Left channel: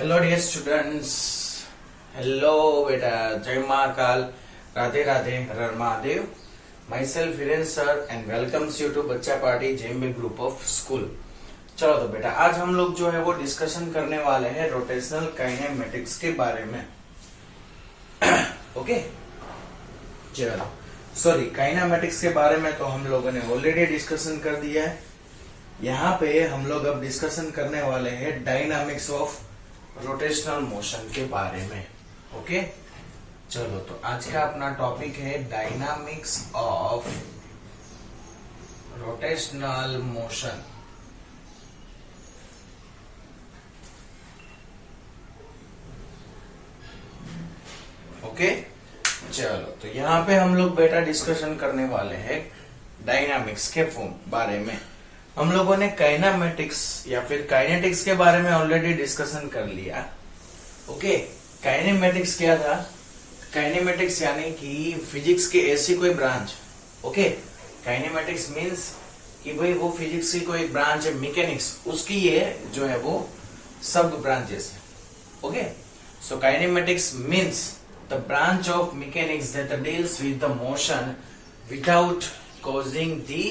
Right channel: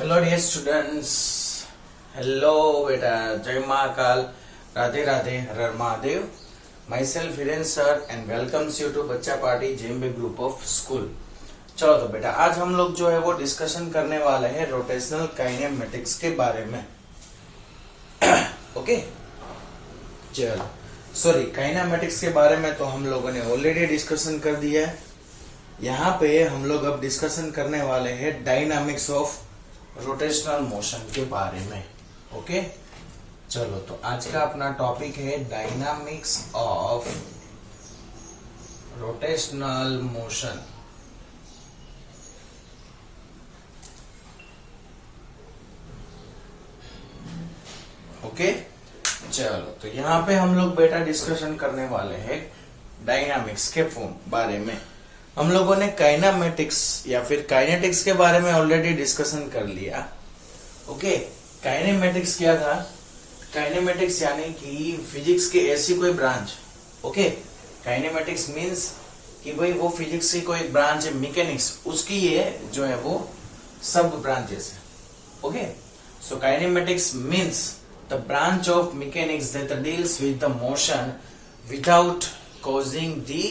Hello dear students. Hello बेटा, Jai Mahakal, Radhe Radhe, Har Har Mahadev. My self Hiren sir and welcomes you to bachcha party JMB group of school. चलो तो बेटा, आज हम लोग जो है वो डिस्कशन करने वाले हैं रोटेशनल काइनेमेटिक्स के बारे में। ओके, चलो सॉरी, काइनेमेटिक्स के बारे में तो हम लोगों ने ऑलरेडी डिस्कशन कर दिया है। यहाँ पे हम लोग अब डिस्कशन करने वाले हैं डायनामिक्स ऑफ रोटेशनल मोशन के बारे में। ओके, चलो तो आज का अपना टॉपिक है dynamics of rotational motion. Okay, चलो तो यहाँ पे हम लोग बेटा डिस्कशन करने वाले हैं डायनामिक्स के बारे में। हम लोगों ने काइनेमेटिक्स या फिर काइनेटिक्स के बारे में ऑलरेडी डिस्कशन कर लिया। ओके, काइनेमेटिक्स क्या था? काइनेमेटिक्स यानी कि फिजिक्स की ऐसी कोई ब्रांच। ओके, काइनेमेटिक्स मींस कि भाई वो फिजिक्स की कोई ब्रांच है, मैकेनिक्स उसकी ये जो है वो सब ब्रांचेस है। Okay, so kinematics means the branch of mechanics that deals with the motion without causing the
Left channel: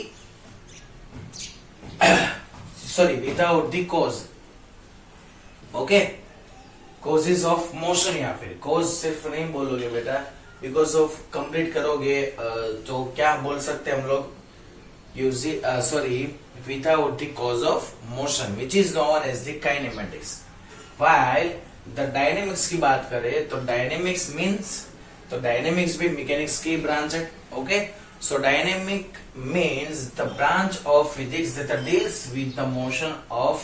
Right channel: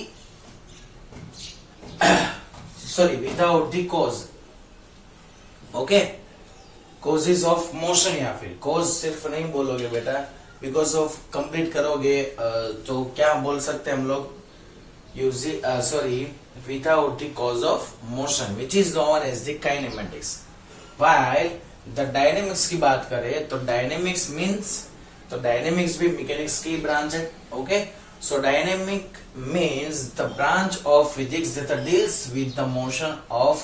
without the cause। Okay, causes of motion या फिर cause सिर्फ नहीं बोलोगे बेटा, because of कंप्लीट करोगे तो क्या बोल सकते हैं हम लोग? without the cause of motion which is known as the kinematics। while the dynamics की बात करें तो dynamics means, तो dynamics भी mechanics की ब्रांच है। Okay, so dynamic means the branch of physics that deals with the motion of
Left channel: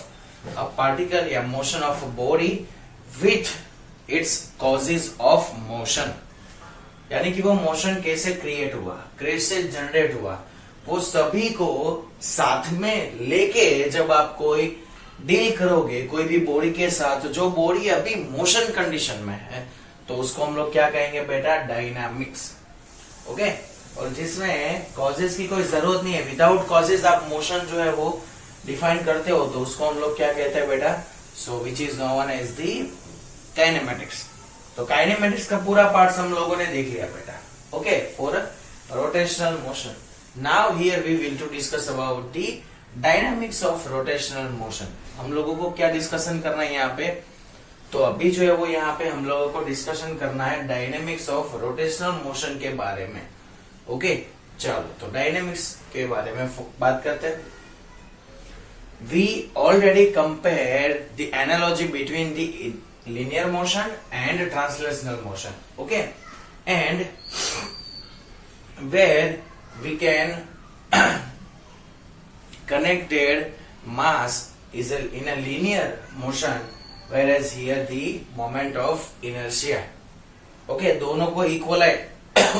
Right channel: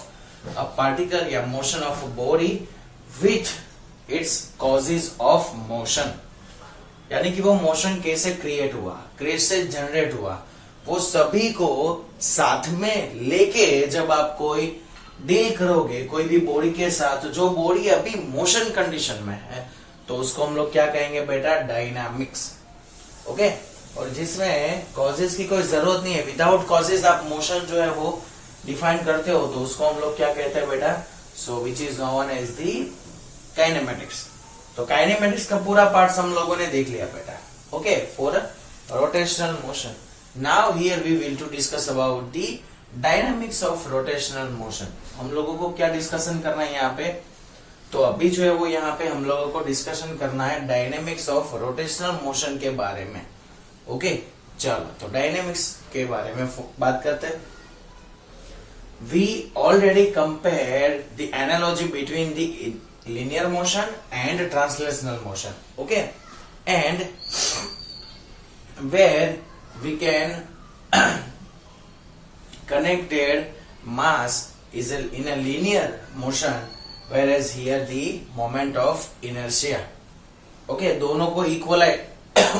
a particle या motion of a body with its causes of motion। यानी कि वो मोशन कैसे create हुआ, कैसे जनरेट हुआ, वो सभी को साथ में लेके जब आप कोई डील करोगे कोई भी बॉडी के साथ, जो बॉडी अभी मोशन कंडीशन में है, तो उसको हम लोग क्या कहेंगे बेटा? डायनामिक्स। ओके, और जिसमें कॉजेज की कोई जरूरत नहीं है, विदाउट कॉजेज आप मोशन जो है वो डिफाइन करते हो, तो उसको हम लोग क्या कहते हैं बेटा? So which is known as the kinematics. तो काइनेमेटिक्स का पूरा पार्ट हम लोगों ने देख लिया बेटा। Okay, for rotational motion. Now here we will to discuss about the dynamics of rotational motion. हम लोगों को क्या डिस्कशन करना है यहाँ पे? तो अभी जो है वो यहाँ पे हम लोगों को डिस्कशन करना है डायनेमिक्स ऑफ रोटेशनल मोशन के बारे में। ओके, चलो तो डायनेमिक्स के बारे में बात करते हैं। We already compare the analogy between the linear motion and translational motion। okay, and where we can connected mass is in a linear motion, whereas here the moment of inertia। okay, दोनों को equal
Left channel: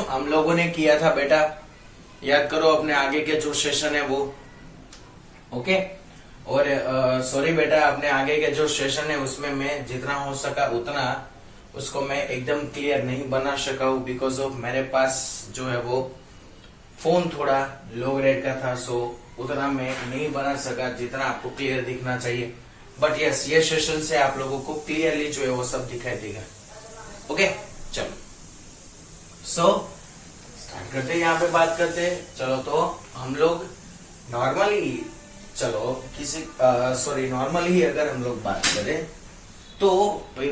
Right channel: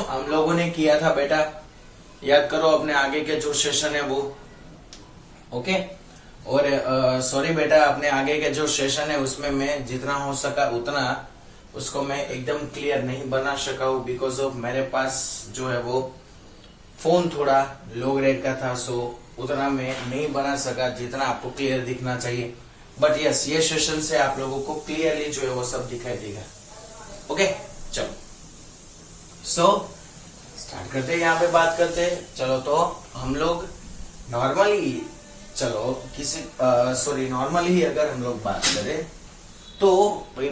हम लोगों ने किया था बेटा, याद करो अपने आगे के जो सेशन है वो। ओके, और सॉरी बेटा, अपने आगे के जो सेशन है उसमें मैं जितना हो सका उतना उसको मैं एकदम क्लियर नहीं बना सका हूँ, बिकॉज ऑफ मेरे पास जो है वो फोन थोड़ा लो ग्रेड का था, सो उतना मैं नहीं बना सका जितना आपको क्लियर दिखना चाहिए। बट यस, ये सेशन से आप लोगों को क्लियरली जो है वो सब दिखाई देगा। ओके, चलो सो स्टार्ट करते हैं, यहाँ पे बात करते हैं। चलो तो हम लोग नॉर्मली नॉर्मली अगर हम लोग बात करें तो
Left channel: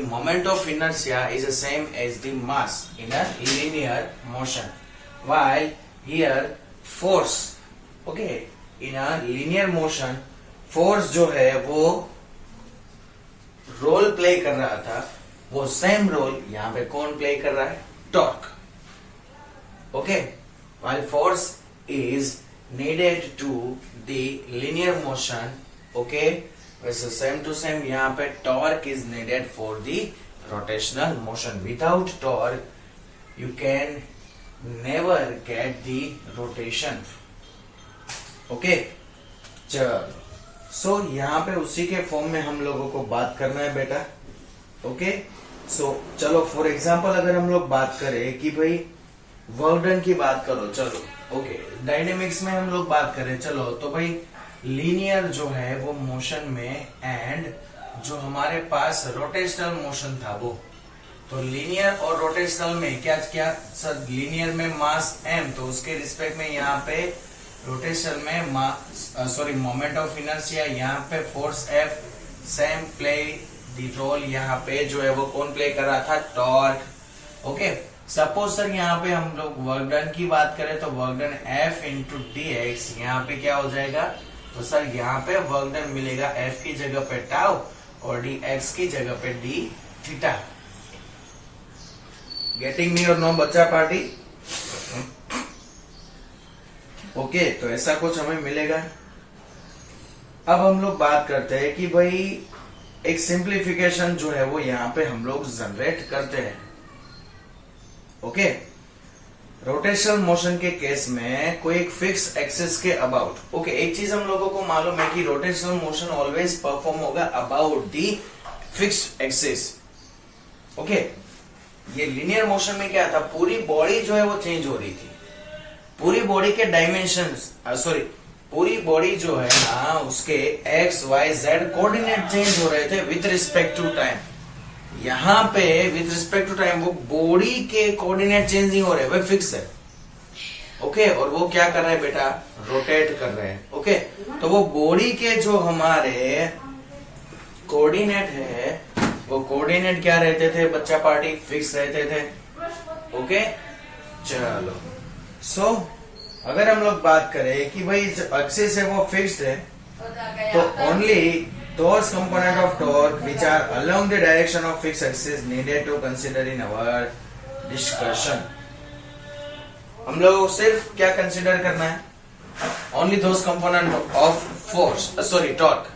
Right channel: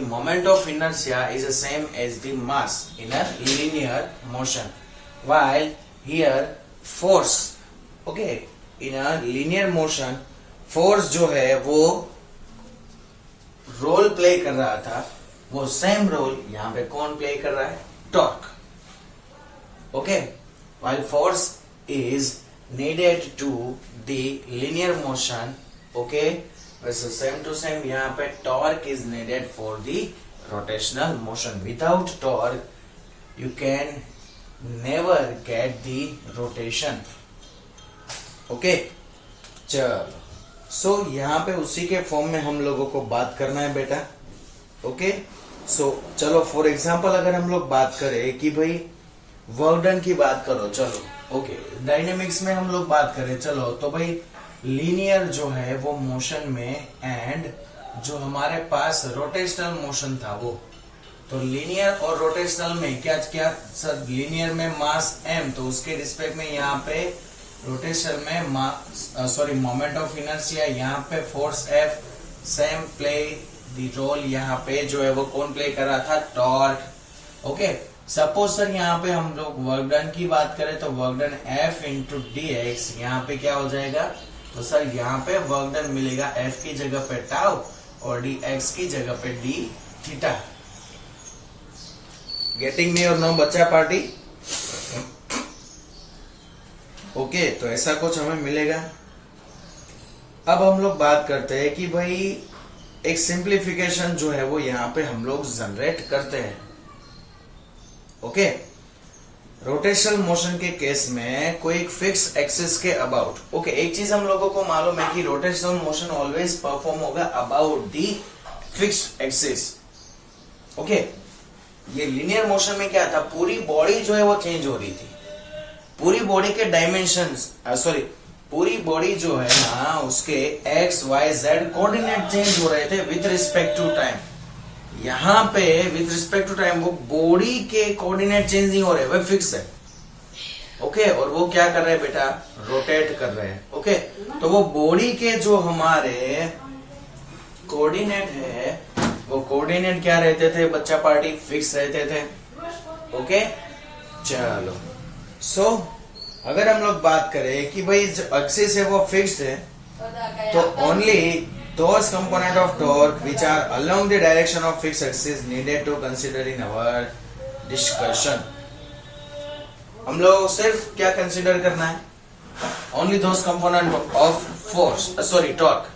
moment of inertia is the same as the mass in a linear motion, while here force. Okay, in a linear motion force जो है वो रोल प्ले कर रहा था, वो सेम रोल यहाँ पे कौन प्ले कर रहा है? Torque. Okay, while force is needed to the linear motion। okay, वैसे same to same यहाँ पे torque is needed for the rotational motion। without torque you can never get the rotation। okay, चलो सो यहाँ पे उसी के फॉर्म में हम लोगों को बात करना है बेटा। ओके, सो चलो फॉर एग्जांपल अगर हम लोग बात करें कि भाई वर्क डन की बात करो, चलो ओके, डायनेमिक्स में हम लोग बात करें, चलो तो भाई लीनियर जो है वो मोशन में एंड जो हमारे पास रोटेशनल मोशन था वो, तो लीनियर और रोटेशनल में क्या क्या सर, लीनियर में मास m, तो उसके रिस्पेक्ट में यहाँ पे रोटेशन में मोमेंट ऑफ इनर्शिया, यहाँ पे force F, same play the role, यहाँ पे जो है वो कौन प्ले कर रहा था, टॉर्क। ओके, सपोज सर यहाँ पे हम लोग वर्क डन की बात करें तो work done F into D x, यहाँ पे क्या हो जाएगा, तो सर यहाँ पे वर्क डन मिलेगा F की जगह पे टाउ और डी एक्स की जगह पे डी थीटा। गेटिंग मी और नो बच्चा पार्टी? ओके, तो ऐसा कुछ हमें मिलेगा। अब हम लोग बात करते हैं कि भाई एक सिंप्लीफिकेशन जो है वो यहाँ पे हम लोग जनरेट करते हैं। ओके, रोटेशनल मोशन के केस में कोई एक फिक्स एक्सिस के अबाउट। ओके, एक चीज हम लोगों को मालूम है कि रोटेशनल मोशन ऑलवेज परफॉर्म होगा about the fixed axis. Okay, ये लीनियर मोशन में क्या था, पूरी बॉडी जो है वो चेंज हो रही थी, पूरी बॉडी के डायमेंशंस पूरी बॉडी जो है ना उसके X Y Z coordinate change हो रहे थे विथ रिस्पेक्ट टू टाइम। यहाँ पे विथ रिस्पेक्ट टू टाइम वो बॉडी के कोऑर्डिनेट चेंज नहीं हो रहे, वो फिक्स है। ओके, और वो क्या कर रहे हैं बेटा, रोटेट कर रहे हैं। ओके, तो वो बॉडी के जो हमारे कोऑर्डिनेट है वो कोऑर्डिनेट क्या रहते थे बच्चा पार्टी, फिक्स रहते थे। ओके, चलो सो अगर हम लोग बात करें कि भाई जो एक्सिस है वो फिक्स्ड है, तो only those component of torque which are along the direction of fixed axis needed to consider in our discussion। हम लोग सिर्फ क्या कंसिडर करना है, only those component of force torque।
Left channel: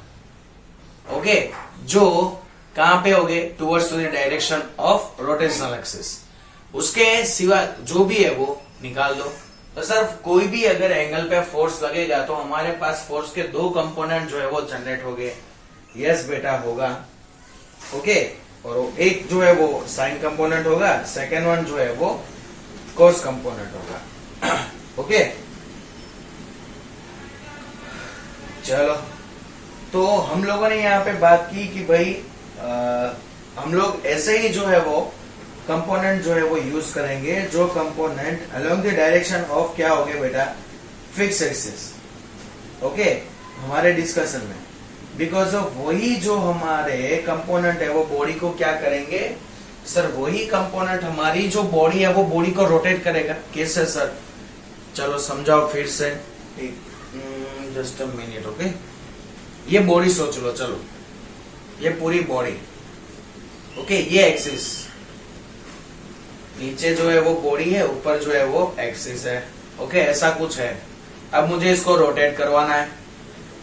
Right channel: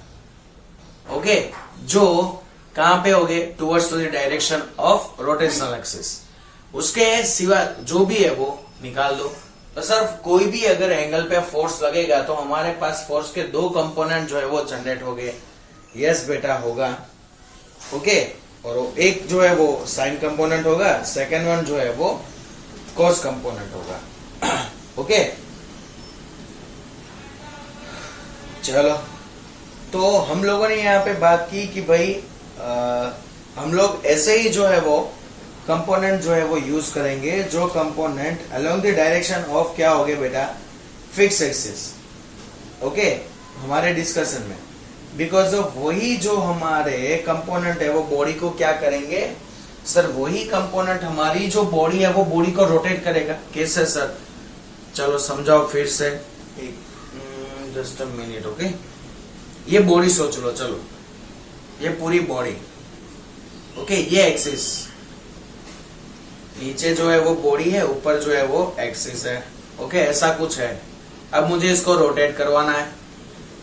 Okay, जो कहां पे होगे, towards the direction of rotational axis, उसके सिवा जो भी है वो निकाल दो। तो सर कोई भी अगर एंगल पे फोर्स लगेगा तो हमारे पास फोर्स के दो कंपोनेंट जो है वो जनरेट हो गए। यस बेटा होगा। ओके, और एक जो है वो साइन कंपोनेंट होगा, सेकेंड वन जो है वो कॉस कंपोनेंट होगा। ओके, चलो तो हम लोगों ने यहाँ पे बात की कि भाई हम लोग ऐसे ही जो है वो कंपोनेंट जो है वो यूज करेंगे, जो component along the direction of क्या हो गया बेटा, फिक्स एक्सिस। ओके, हमारे डिस्कशन में बिकॉज ऑफ वही जो हमारे कंपोनेंट है वो बॉडी को क्या करेंगे सर, वही कंपोनेंट हमारी जो बॉडी है वो बॉडी को रोटेट करेगा। कैसे सर, चलो समझाओ फिर से, जस्ट अ मिनट। ओके, ये बॉडी सोच लो, चलो ये पूरी बॉडी। ओके, ये एक्सिस, नीचे जो है वो बॉडी है, ऊपर जो है वो एक्सिस है। ओके, ऐसा कुछ है। अब मुझे इसको रोटेट करवाना है।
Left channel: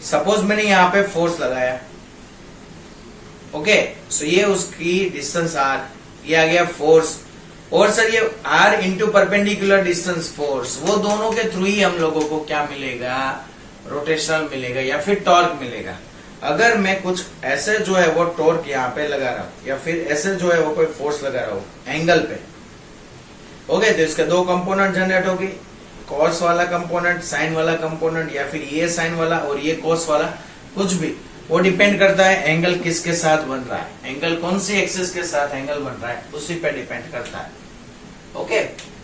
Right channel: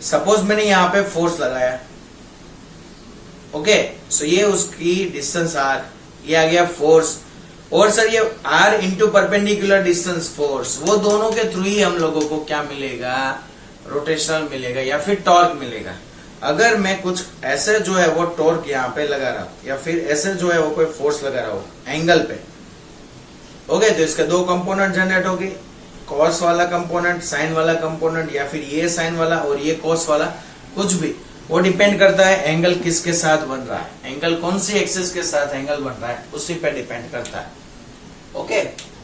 सपोज मैंने यहाँ पे फोर्स लगाया। ओके, सो ये उसकी डिस्टेंस आर, ये आ गया फोर्स, और सर ये R into perpendicular distance force, वो दोनों के थ्रू ही हम लोगों को क्या मिलेगा, रोटेशनल मिलेगा या फिर टॉर्क मिलेगा। अगर मैं कुछ ऐसे जो है वो टॉर्क यहाँ पे लगा रहा हूं या फिर ऐसे जो है वो कोई फोर्स लगा रहा हूं एंगल पे, ओके, तो इसके दो कंपोनेंट जनरेट होगी, कॉस वाला कंपोनेंट, साइन वाला कंपोनेंट, या फिर ये साइन वाला और ये कॉस वाला, कुछ भी, वो डिपेंड करता है एंगल किसके साथ बन रहा है, एंगल कौन सी एक्सिस के साथ एंगल बन रहा है उसी पे डिपेंड करता है। ओके,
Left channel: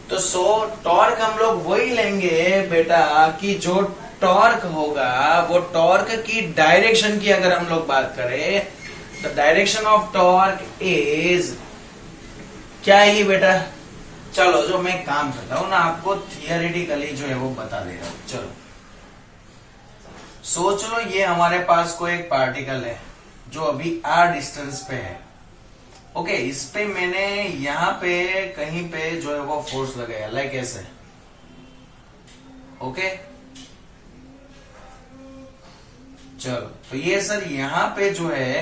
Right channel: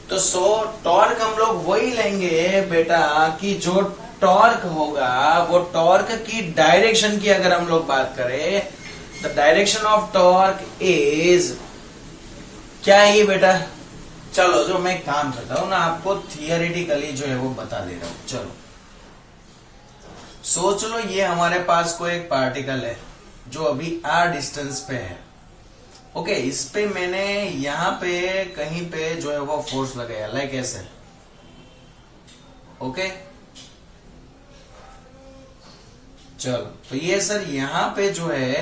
तो सो टॉर्क हम लोग वही लेंगे बेटा कि जो टॉर्क होगा वो टॉर्क की डायरेक्शन की अगर हम लोग बात करें, the direction of torque is क्या है ये बेटा, चलो जो मैं काम करता हूं ना आपको थियोरेटिकली जो है वो बता दे रहा हूं। चलो सोच लो ये हमारे पास कोई एक पार्टिकल है जो अभी r डिस्टेंस पे है। ओके, इस पे मैंने यहां पे कहीं पे जो है वो फोर्स लगाया, लाइक ऐसे। ओके, चलो तो ये सर यहां पे जो है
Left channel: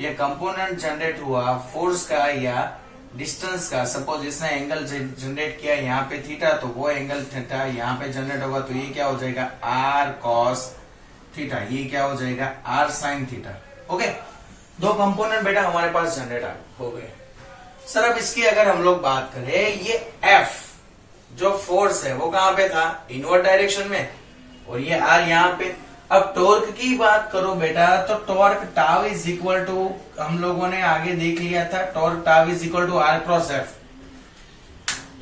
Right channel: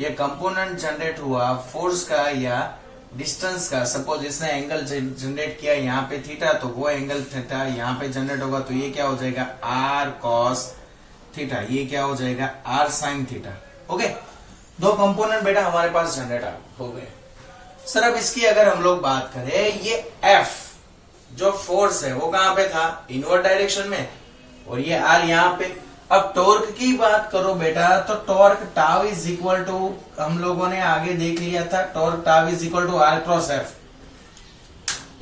ये कंपोनेंट जनरेट हुआ फोर्स का या डिस्टेंस का। सपोज इसने एंगल जनरेट किया यहाँ पे थीटा, तो वो एंगल थीटा यहाँ पे जनरेट होगा, तो ये क्या हो जाएगा आर कॉस थीटा, ये क्या हो जाएगा आर साइन थीटा। ओके, दो कंपोनेंट बेटा हमारे पास जनरेट हो गए। सर अब इसकी अगर हम लोग बात करें, ये एफ जो फोर्स है वो कहां पे था, इनवर्ड डायरेक्शन में, और ये आर यहाँ पे। अब टॉर्क की बात करो बेटा, तो torque tau is equal to, हम लोगों ने आगे देख लिया था, torque tau is equal to R cross F,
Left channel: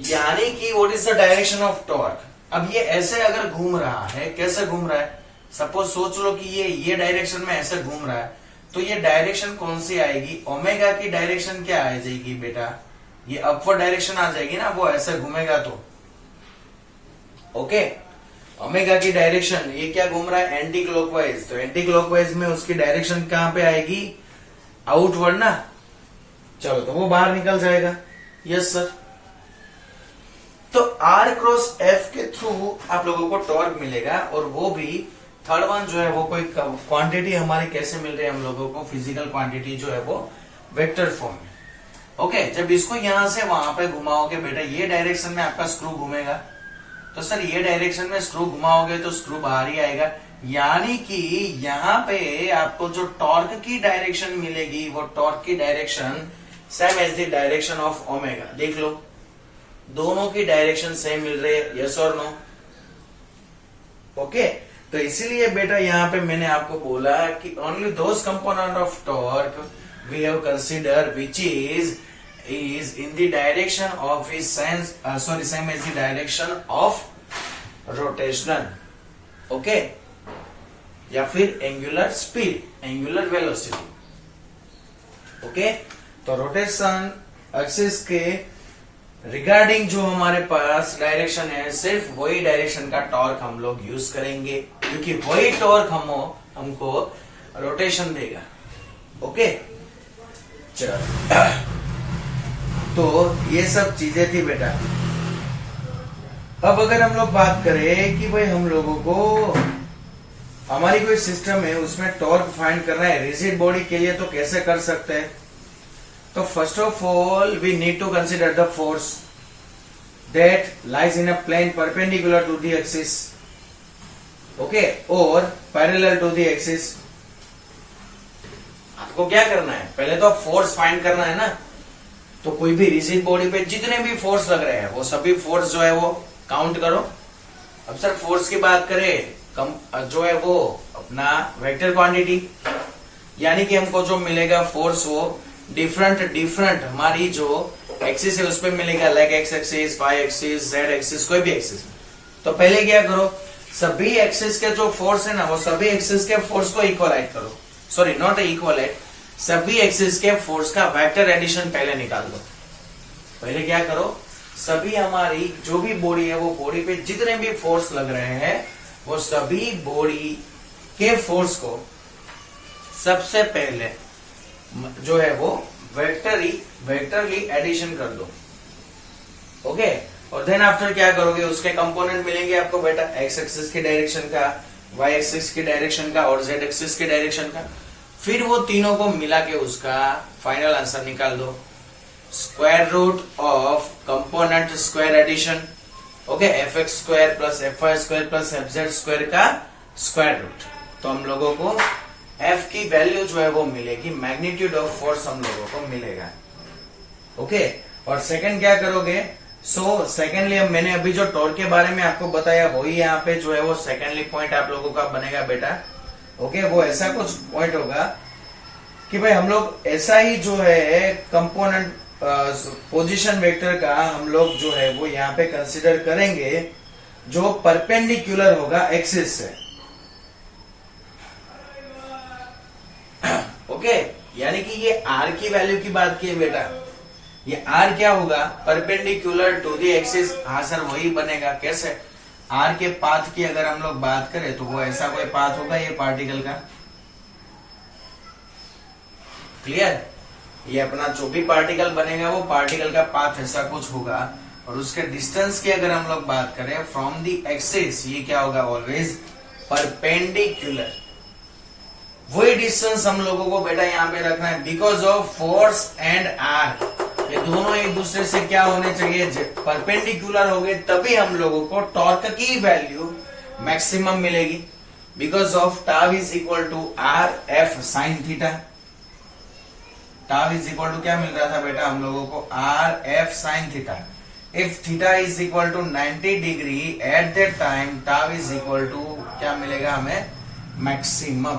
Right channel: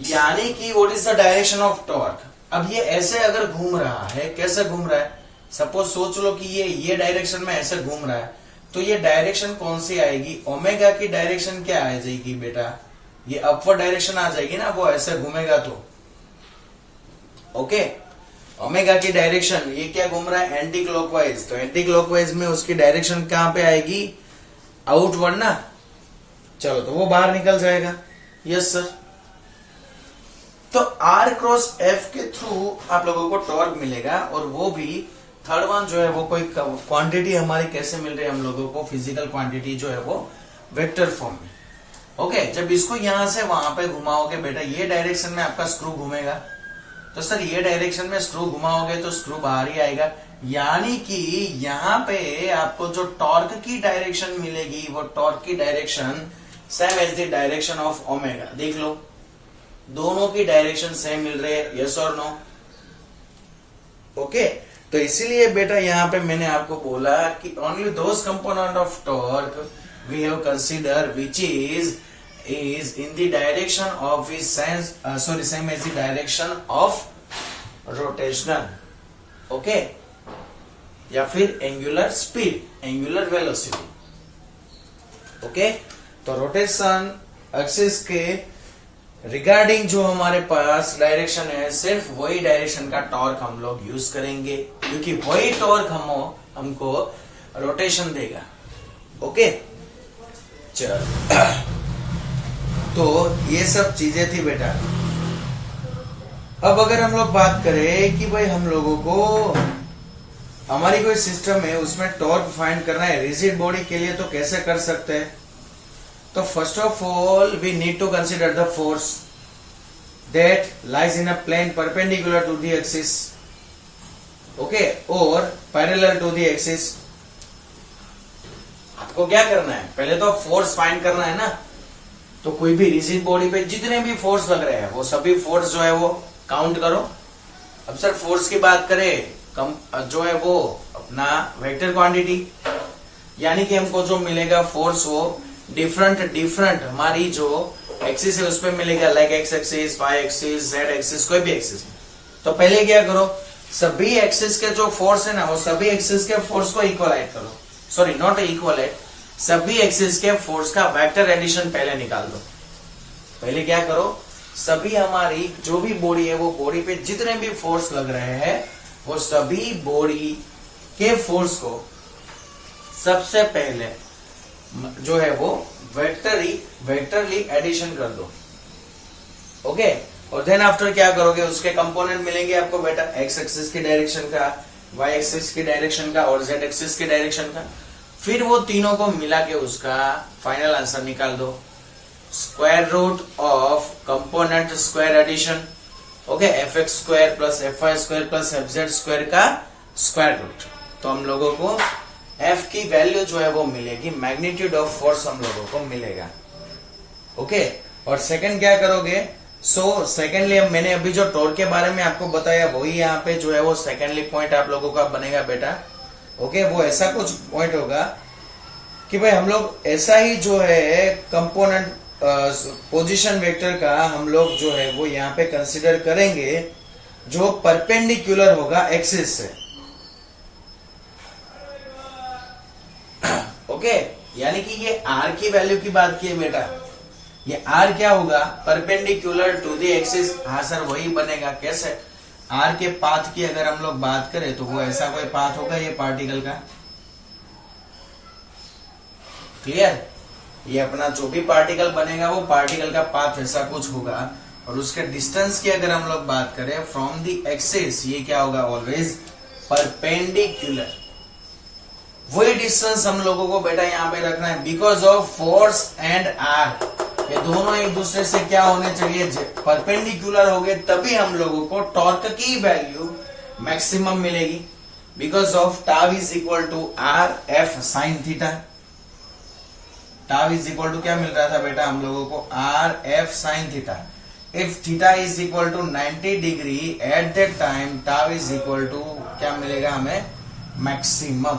यानी कि what is the direction of torque. अब ये ऐसे अगर घूम रहा है, कैसे घूम रहा है, सपोज सोच लो कि ये डायरेक्शन में ऐसे घूम रहा है, तो ये डायरेक्शन कौन सी आएगी, ओमेगा की डायरेक्शन क्या आ जाएगी बेटा, ये अपवर्ड डायरेक्शन आ जाएगी ना, वो ऐसे घूमेगा तो। ओके, ओमेगा की डायरेक्शन, ये क्या घूम रहा है, एंटी क्लॉकवाइज, तो एंटी क्लॉकवाइज में उसकी डायरेक्शन कहां पे आएगी, आउटवर्ड ना, चलो तो वो बाहर निकल जाएगा। Yes sir. तो आर क्रॉस एफ के थ्रू आप लोगों को टॉर्क मिलेगा, और वो भी थर्ड वन जो है वो कोई क्वांटिटी हमारी कैसे मिल रही है हम लोगों को, फिजिकल क्वांटिटी जो है वो वेक्टर फॉर्म में। ओके, जब इसको यहां से वहां पे घुमाओगे बेटा, ये डायरेक्शन में आपका स्क्रू घूमेगा, तो सर ये डायरेक्शन में स्क्रू घुमाओगे तो स्क्रू बाहर ही आएगा, यानी कि यहां पे आपको जो टॉर्क की डायरेक्शन मिलेगी, वो टॉर्क की direction same as the direction of omega. देख लो, दोनों की डायरेक्शन सेम मिल रही है, यस और नो। ओके, तो इसीलिए बेटा यहां पे मैंने आपको बोला कि only those component of torque we have consider which is in the direction of his same as the direction of rotational, okay, या फिर angular speed, angular velocity. Okay, तो रोटेशन एक्सिस के रिगार्डिंग जो हमारे पास डायरेक्शन है, सिर्फ वही direction का टॉर्क हम लोग यूज करेंगे, क्योंकि वही टॉर्क हमको रोटेशन देगा। ओके, चलो, तो ये सब चीजें थी बेटा। अब अगर हम लोग बात करें कि भाई हम लोगों को हमारी कोई सिस्टम है, उसमें टॉर्क फाइंड करना है रिजिड बॉडी के लिए, तो कैसे कर सकते हैं। तो first of all we need to consider the force that lies in a plane perpendicular to the axis, okay, और पैरेलल टू द एक्सिस। आपको क्या करना है, पहले तो फोर्स फाइंड करना है ना, तो कोई भी रिजिड बॉडी पे जितने भी फोर्स लग रहे हैं, वो सभी फोर्स जो है वो काउंट करो। अब सर फोर्स की बात करें, जो है वो अपना वेक्टर क्वांटिटी, यानी कि हमको जो मिलेगा फोर्स वो डिफरेंट हमारी जो एक्सिस है उस पर मिलेगा, like X axis, Y axis, Z axis, कोई भी एक्सिस। तो पहले क्या करो, सभी एक्सिस के जो फोर्स है ना, वो सभी एक्सिस के फोर्स को इक्वलाइट करो, सॉरी नॉट इक्वलाइट, सभी एक्सिस के फोर्स का वेक्टर एडिशन पहले निकाल दो। पहले क्या करो, सभी हमारी जो भी बॉडी है, वो बॉडी पे जितने भी फोर्स लग रहे हैं, वो सभी बॉडी के फोर्स को सबसे पहले जो है वो वेक्टरली एडिशन कर दो। ओके, और देन आफ्टर क्या करोगे, उसके कंपोनेंट मिलेंगे आपको बेटा, एक्स एक्सिस की डायरेक्शन का, वाई एक्सिस की डायरेक्शन का, और जेड एक्सिस की डायरेक्शन का। फिर वो तीनों को मिला के उसका फाइनल आंसर निकाल दो, square root of component square addition, okay, F X square plus F Y square plus F Z square का स्क्वायर रूट। तो हम लोगों को एफ की वैल्यू जो है वो मिलेगी, मैग्नीट्यूड ऑफ फोर्स हम लोगों को मिलेगा। ओके, और सेकंड क्या करोगे, सेकेंडली मैंने अभी जो टॉर्क के बारे में आपको बताया, वही यहाँ पे जो है वो सेकेंडली पॉइंट आप लोगों का बनेगा बेटा। ओके, वो ऐसा कुछ पॉइंट होगा कि भाई हम लोग ऐसा ही जो है कंपोनेंट पोजीशन वेक्टर का हम लोग जो है वो यहाँ पे कंसिडर करेंगे, जो परपेंडिकुलर होगा एक्सिस से। ओके, यानी कि ये आर की वैल्यू की बात की है बेटा, ये आर क्या होगा, परपेंडिकुलर टू द एक्सिस। हाँ सर, वही बनेगा। कैसे, आर के पाथ की अगर हम लोग बात करें तो वो ऐसा कोई पाथ होगा ये पार्टिकल का, क्लियर, ये अपना जो भी पार्टिकल बनेगा वो पार्टिकल का पाथ ऐसा कुछ होगा। और उसके डिस्टेंस की अगर हम लोग बात करें फ्रॉम द एक्सिस, ये क्या होगा, ऑलवेज परपेंडिकुलर। वही डिस्टेंस हम लोगों को बेटा यहाँ पे रखना है, because of force and R, ये दोनों एक दूसरे से क्या होने चाहिए, परपेंडिकुलर हो गए, तभी हम लोगों को टॉर्क की वैल्यू मैक्सिमम मिलेगी। Because of tau is equal to R F sine theta, tau is equal to क्या मिल रहा था बेटा हम लोगों को, R F sine theta. If theta is equal to 90 degree at that time, tau is equal to क्या मिलेगा हमें, मैक्सिमम।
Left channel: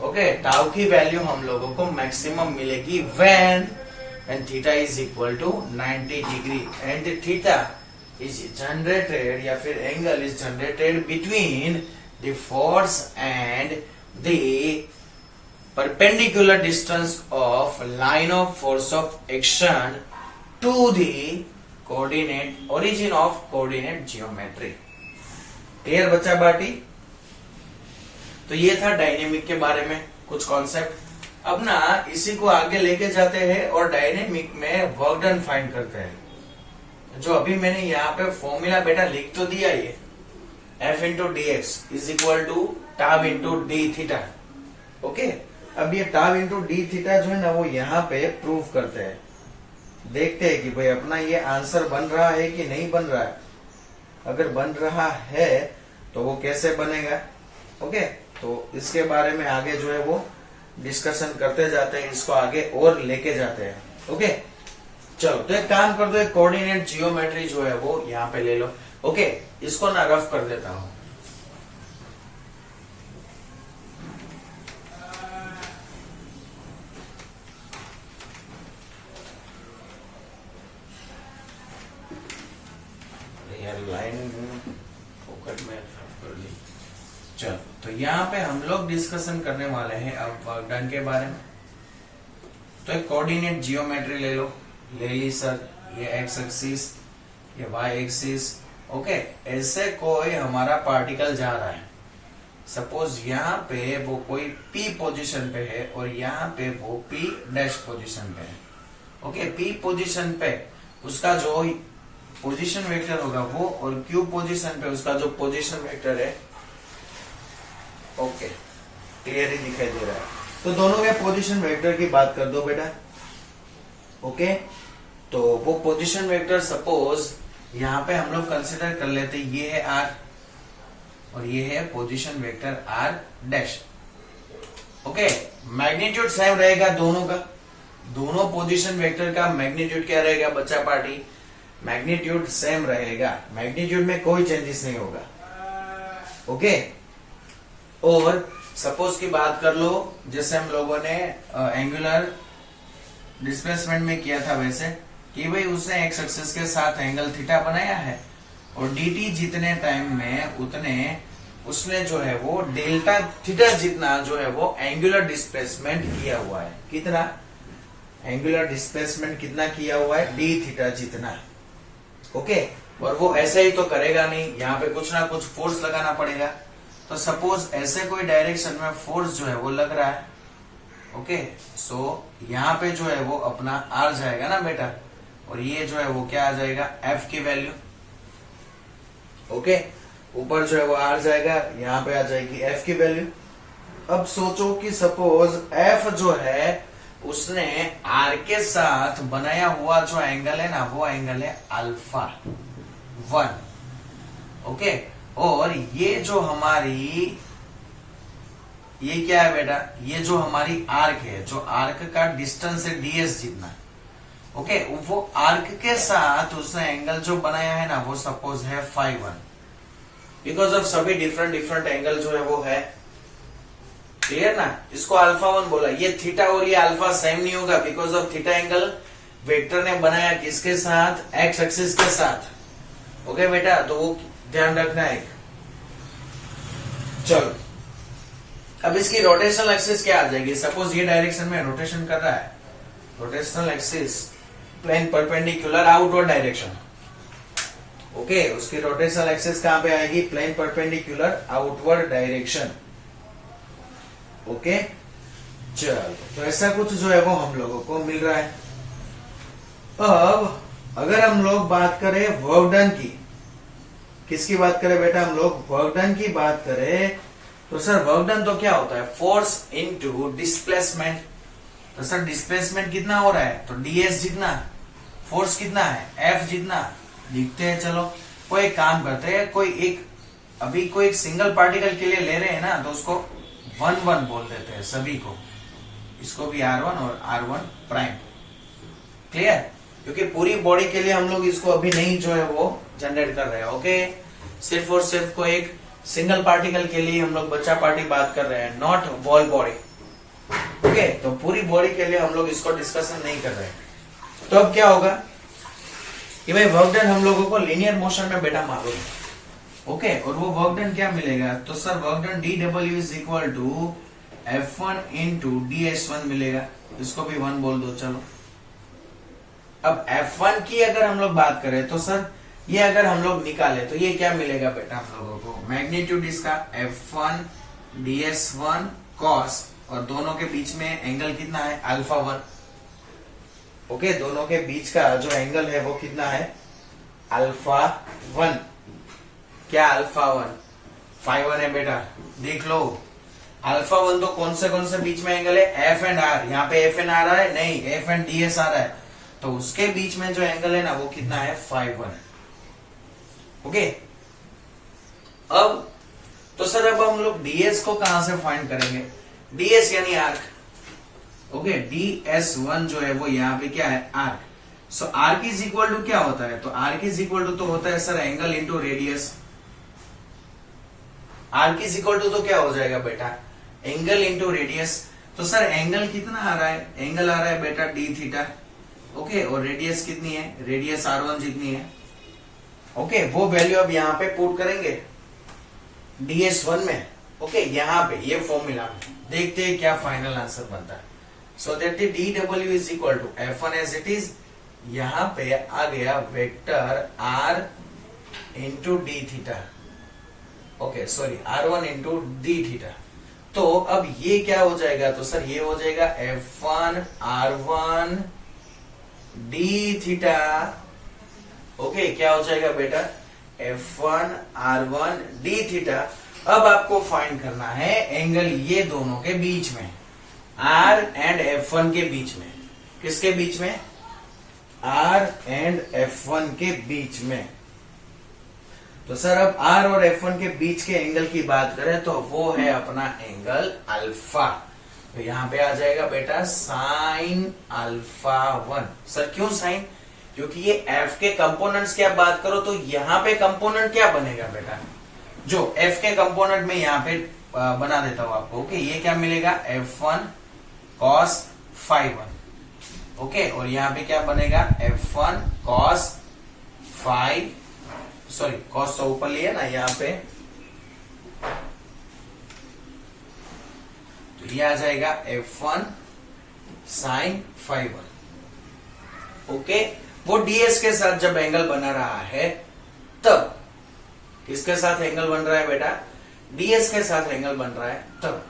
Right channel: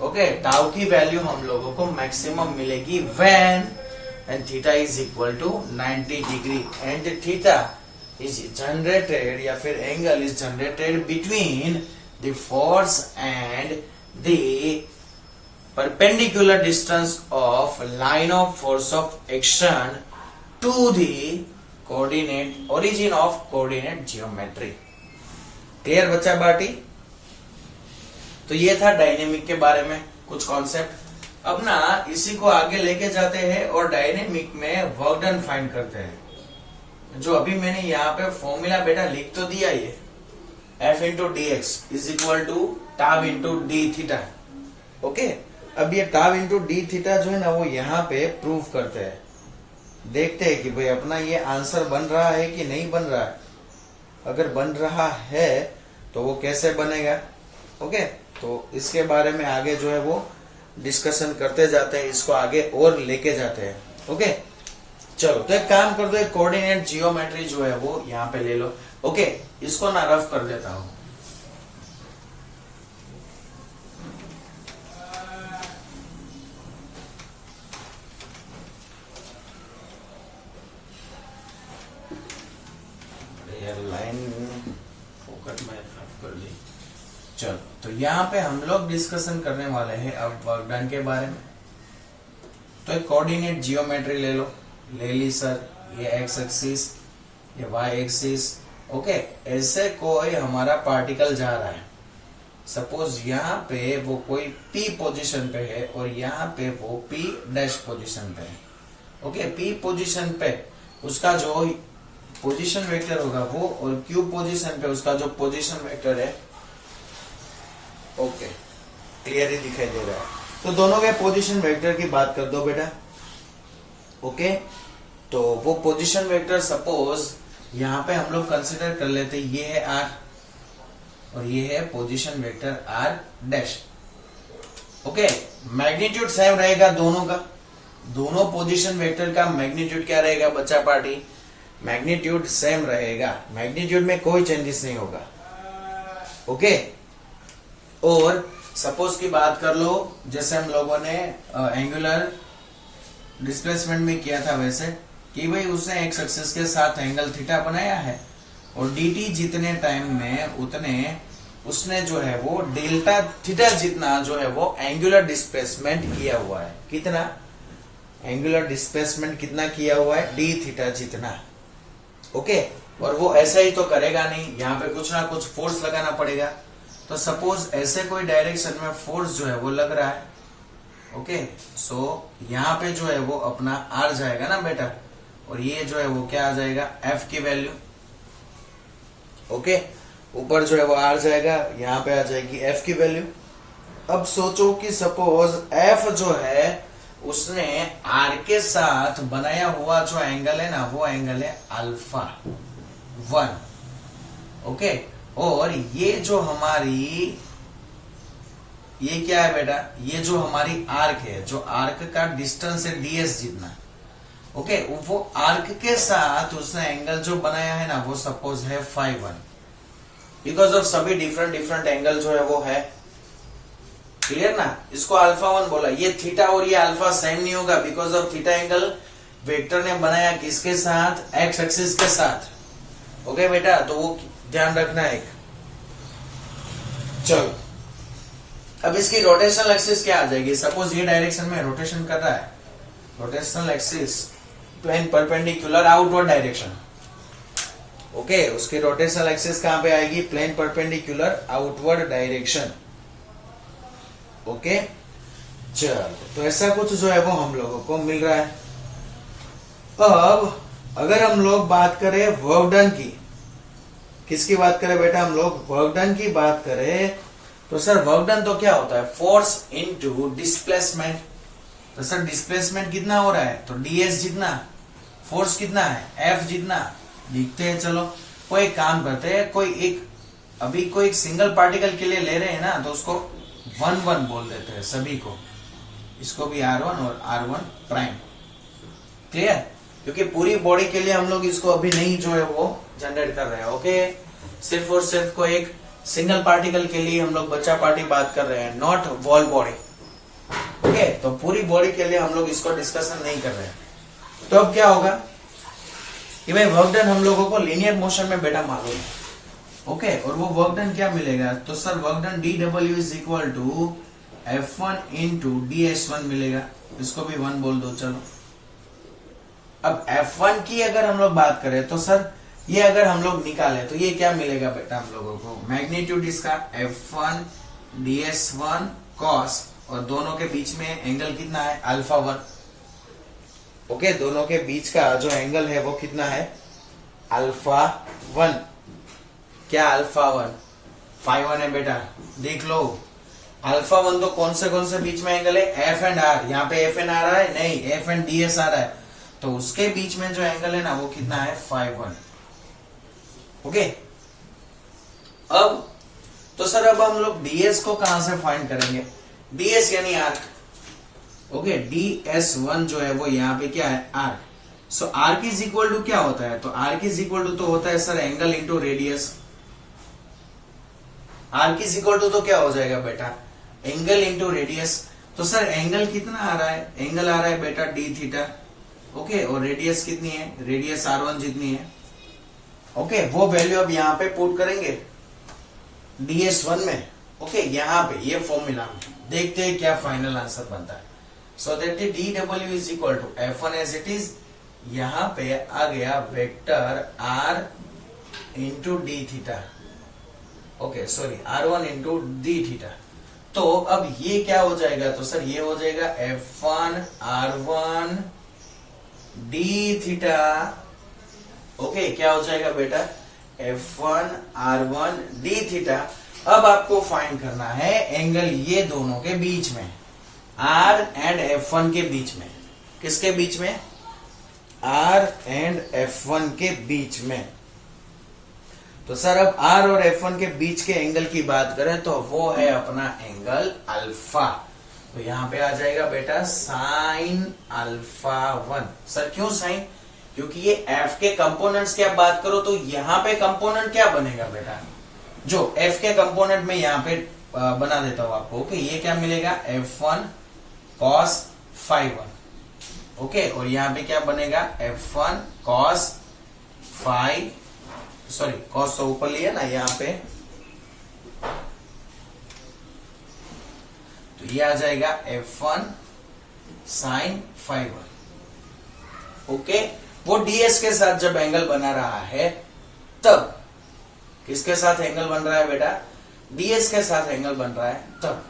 ओके, टाउ की वैल्यू हम लोगों को मैक्सिमम मिलेगी when theta is equal to 90 degree and theta is generated या फिर angle is generated between the force and the perpendicular distance of line of force of action to the coordinate origin of coordinate geometry। Clear बच्चा बाटी? तो ये था dynamic के बारे में कुछ कॉन्सेप्ट। अब ना इसी को आगे लेके जाते हैं और डायनेमिक में वर्क डन फाइंड करते हैं। जो अभी मैंने यहाँ पे फॉर्मूला बेटा लिख तो दिया, ये F into D X is equal to tau into D theta. Okay, अब ये टाव इंटू डी थीटा जो है ना वो यहाँ पे प्रूव करते हैं। देखते हैं कि भाई अपना ये आंसर बन रहा है कि नहीं बन रहा है। अगर बन रहा है तो वो कैसे बनेगा। ओके, तो इसके बारे में आगे जो है वो डिस्कशन करते जाते हैं, इसको आगे और लेके जाते हैं। ओके, चलो तो एक काम कर दो, कोऑर्डिनेट जियोमेट्री जो है वो यहाँ पे ले लो। ओके, इसको ना रफ कर देता हूं। लाइन फोकट में रफ कर ली। चलो तो यहाँ पे हम लोग डिस्कशन करने वाले हैं अब वर्क डन के बारे में। तो एक कोऑर्डिनेट जियोमेट्री ले लो, ले ली सर। ये एक्स एक्सिस, ये वाई एक्सिस। ओके, ऐसे कोई हमारा पार्टिकल जा रहा है। सपोज यहाँ पे वो कोई पी पोजीशन पे है और यहाँ पे वो पी डैश पोजीशन पे है। ओके, पी पोजीशन पे उसका जो पोजीशन वेक्टर होगा वो, और क्यू पोजीशन पे उसका जो पोजीशन वेक्टर है। ओके, क्लियरली दिखाई दे रहा है। तो दोनों के पोजीशन वेक्टर की बात कर दो बेटा। ओके, तो वो पोजीशन वेक्टर सपोज यहाँ पे हम लोग कंसिडर कर लेते, ये है आर और ये है position vector R dash. Okay, magnitude same रहेगा दोनों का। दोनों पोजीशन वेक्टर का मैग्नीट्यूड क्या रहेगा बच्चा पार्टी? मैग्नीट्यूड सेम रहेगा, मैग्नीट्यूड में कोई चेंजेस नहीं होगा। ओके, और सपोज की बात कर लो, जैसे हम लोगों ने एंगुलर डिस्प्लेसमेंट में किया था वैसे, कि भाई उसने एक्स एक्सिस के साथ एंगल थीटा बनाया है और dt जितने टाइम में उतने उसने जो है वो डेल्टा थीटा जितना जो है वो एंगुलर डिस्प्लेसमेंट किया हुआ है। कितना एंगुलर डिस्प्लेसमेंट कितना किया हुआ है? डी थीटा जितना। ओके, और वो ऐसे ही तो करेगा नहीं, यहाँ पे कुछ ना कुछ फोर्स लगाना पड़ेगा। तो सपोज ऐसे कोई डायरेक्शन में फोर्स जो है वो लग रहा है। ओके, सो यहाँ पे जो है वो अपना आर जाएगा ना बेटा, और ये जो है वो क्या आ जाएगा? एफ की वैल्यू। ओके, ऊपर जो है वो आर जाएगा, यहाँ पे आ जाएगी एफ की वैल्यू। अब सोचो कि सपोज एफ जो है उसने आर के साथ बनाया हुआ जो एंगल है ना वो एंगल है अल्फा 1। ओके, और ये जो हमारी ये क्या है बेटा? ये जो हमारी आर्क है, जो आर्क का डिस्टेंस है डीएस जितना। ओके, वो आर्क के साथ उसने एंगल जो बनाया है ना वो सपोज है फाई 1। बिकॉज ऑफ सभी डिफरेंट डिफरेंट एंगल जो है वो है। क्लियर ना? इसको अल्फा 1 बोला। ये थीटा और ये अल्फा सेम नहीं होगा, because of theta angle vector ने बनाया किसके साथ? एक्स एक्सिस के साथ। ओके बेटा, तो वो ध्यान रखना है। चलो, अब इसकी रोटेशनल एक्सिस क्या आ जाएगी? सपोज ये डायरेक्शन में रोटेशन कर रहा है, rotational axis plane perpendicular outward direction. Okay, उसकी रोटेशनल एक्सिस कहां पे आएगी? Plane perpendicular outward direction. Okay, चलो तो ऐसा कुछ जो है वो हम लोगों को मिल रहा है। अब अगर हम लोग बात करें वर्क डन की, किसकी बात करें बेटा? हम लोग वर्क डन की बात करें तो सर वर्क डन तो क्या होता है? Force into displacement. तो सर डिस्प्लेसमेंट कितना हो रहा है? तो ds जितना, फोर्स कितना है? F जितना। लिखते हैं, चलो कोई एक काम करते हैं, अभी कोई एक सिंगल पार्टिकल के लिए ले रहे हैं ना, तो उसको 1 बोल देते हैं सभी को। इसको भी R1 और R1 प्राइम। क्लियर? क्योंकि पूरी बॉडी के लिए हम लोग इसको अभी नहीं जो है वो जनरेट कर रहे हैं। ओके, सिर्फ और सिर्फ को एक सिंगल पार्टिकल के लिए हम लोग बच्चा पार्टी बात कर रहे हैं, नॉट वॉल बॉडी। ओके, तो पूरी बॉडी के लिए हम लोग इसको डिस्कशन नहीं कर रहे हैं। तो अब क्या होगा कि भाई वर्क डन हम लोगों को लीनियर मोशन में बेटा मालूम है। ओके, और वो वर्क डन क्या मिलेगा, तो sir work done DW is equal to F1 into DS1 मिलेगा, इसको भी 1 बोल दो। चलो अब F1 की अगर हम लोग बात करें तो सर ये अगर हम लोग निकाले तो ये क्या मिलेगा बेटा हम लोगों को, मैग्नीट्यूड इसका F1 DS1 cos, और दोनों के बीच में एंगल कितना है, अल्फा 1। ओके, दोनों के बीच का जो एंगल है वो कितना है, अल्फा 1। क्या अल्फा 1, फाई 1 है बेटा, देख लो। अल्फा 1 तो कौन से बीच में एंगल है, एफ एंड आर। यहाँ पे एफ एंड आर आ रहा है, नहीं एफ एंड DS आ रहा है, तो उसके बीच में जो एंगल है ना वो कितना है, फाई 1। ओके, अब तो सर अब हम लोग DS को कहां से फाइंड करेंगे, DS यानी आर्क। ओके, DS1 जो है वो यहाँ पे क्या है, arc. So arc is equal to क्या होता है, तो आर्क इज इक्वल टू तो होता है sir angle into radius. Arc is equal to तो क्या हो जाएगा बेटा, एंगल इंटू रेडियस। तो सर एंगल कितना आ रहा है, एंगल आ रहा है बेटा d थीटा। ओके, और रेडियस कितनी है, रेडियस R1 जितनी है। ओके, वो वैल्यू अब यहाँ पे पुट करेंगे DS1 में। ओके, यहाँ पे ये फॉर्मूला देखते हैं क्या फाइनल आंसर बनता है। So that DW is equal to F1 as it is, यहाँ पे आ गया vector R into D theta. Okay sorry, R1 into D theta. तो अब ये क्या हो जाएगा, तो सर ये हो जाएगा F1 R1 D theta. Okay, क्या हो जाएगा बेटा, F1 R1 डी थीटा। अब आपको फाइंड करना है एंगल ये दोनों के बीच में, R एंड F1 के बीच में। किसके बीच में, R एंड F1 के बीच में। तो सर अब R और F1 के बीच के एंगल की बात करें तो वो है अपना एंगल अल्फा। तो यहां पे आ जाएगा बेटा साइन अल्फा 1। सर क्यों साइन, क्योंकि ये F के कंपोनेंट्स की आप बात करो तो यहाँ पे कंपोनेंट क्या बनेगा बेटा, जो F के कंपोनेंट में यहाँ पे बना देता हूं आपको। ओके, ये क्या मिलेगा, F1 cos phi 1। ओके, और यहाँ पे क्या बनेगा, F1 cos phi, sorry cos तो ऊपर लिया ना यहाँ पे, तो ये आ जाएगा F1 sin phi 1। ओके, वो DS के साथ जब एंगल बना रहा है तब, किसके साथ एंगल बन रहा है बेटा, DS के साथ एंगल बन रहा है तब।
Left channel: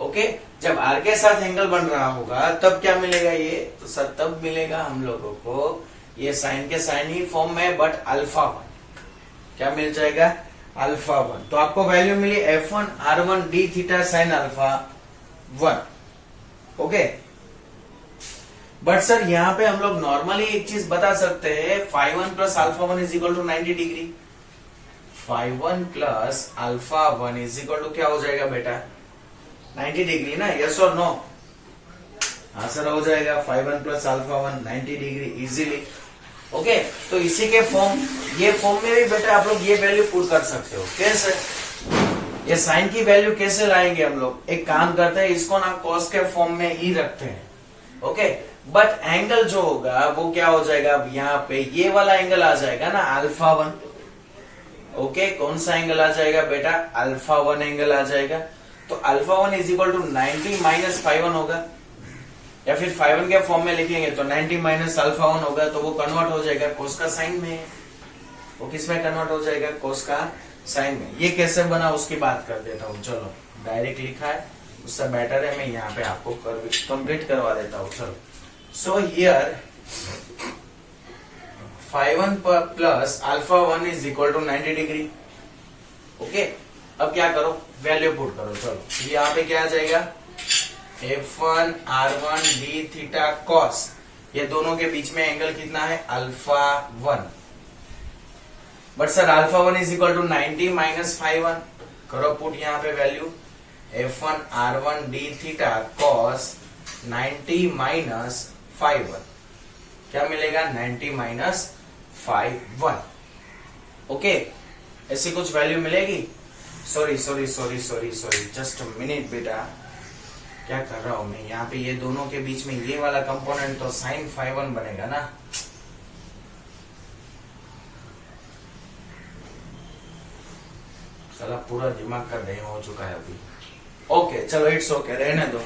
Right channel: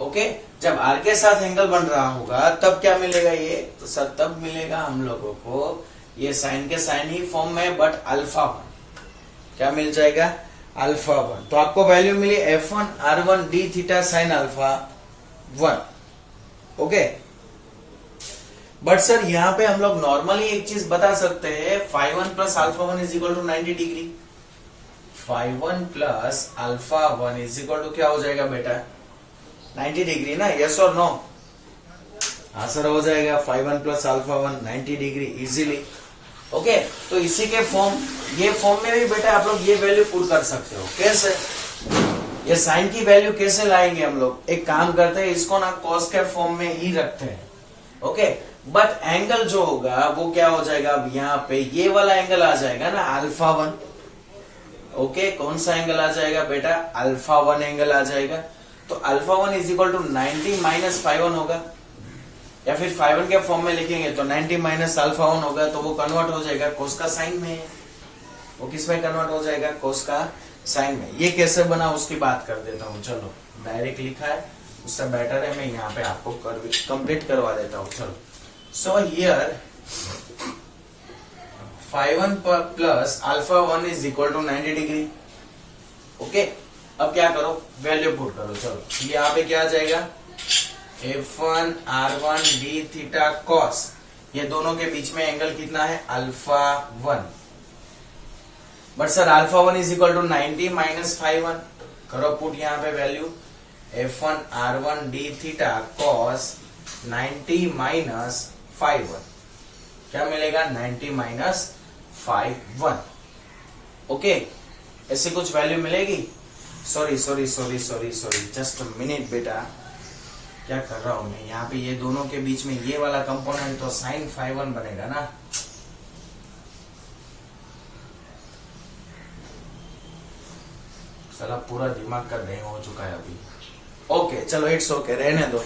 ओके, जब R के साथ एंगल बन रहा होगा तब क्या मिलेगा ये, तो सर तब मिलेगा हम लोगों को ये साइन के साइन ही फॉर्म में, बट अल्फा 1। क्या मिल जाएगा, अल्फा 1। तो आपको वैल्यू मिली F1 R1 D theta sine alpha 1। Okay, but sir यहाँ पे हम लोग नॉर्मली एक चीज बता सकते हैं, phi 1 plus alpha 1 is equal to 90 degree. Phi 1 plus alpha 1 is equal to क्या हो जाएगा बेटा, 90 डिग्री ना, यस और नो। हाँ सर हो जाएगा, phi 1 plus alpha 1 90 degree easily. Okay, तो इसी के फॉर्म, ये फॉर्म में भी बेटा आप लोग ये वैल्यू पुट कर सकते हो। कैसे, ये साइन की वैल्यू कैसे लाएंगे हम लोग, एक काम करते हैं, इसको ना कॉस के फॉर्म में ही रखते हैं। ओके, बट एंगल जो होगा वो क्या हो जाएगा, अब यहाँ पे ये वाला एंगल आ जाएगा ना अल्फा 1। ओके, कौन सा एंगल आ जाएगा बेटा, अल्फा 1 एंगल आ जाएगा। तो alpha 1 is equal to 90 minus phi 1 होगा, या फिर फाई 1 के फॉर्म में लिखेंगे तो 90 माइनस अल्फा 1 होगा, तो वो कन्वर्ट हो जाएगा कोस का साइन में। वो किस में कन्वर्ट हो जाएगा, कोस का साइन में। ये कैसे बना उसकी बात कर देता हूँ। चलो, डायरेक्ट लिखा है उससे बेटर है, मैं यहाँ पे आपको कंप्लीट करवा देता हूँ। चलो, so here phi 1 plus alpha 1 is equal to 90 degree. Okay, अब क्या करो, वैल्यू पुट करो। चलो, यहाँ पे क्या आ जाएगा, F1 R1 D theta cos, ये दोनों के बीच में एंगल कितना है, alpha 1। But sir alpha 1 is equal to 90 minus phi 1, करो पुट यहाँ पे value, F1 R1 D theta cos 90 minus phi 1, क्या मिलेगा, 90 माइनस फाई 1। ओके, ऐसी कुछ वैल्यू मिलेगी। Sorry sorry sorry sorry sorry, just minute बेटा, क्या कर रहा हूं मैं यहाँ पे, ये दोनों के बीच में ये वाला कंपोनेंट तो साइन फाई 1 बनेगा ना। साला पूरा दिमाग का दही हो चुका है अभी। ओके चलो, इट्स ओके, रहने दो,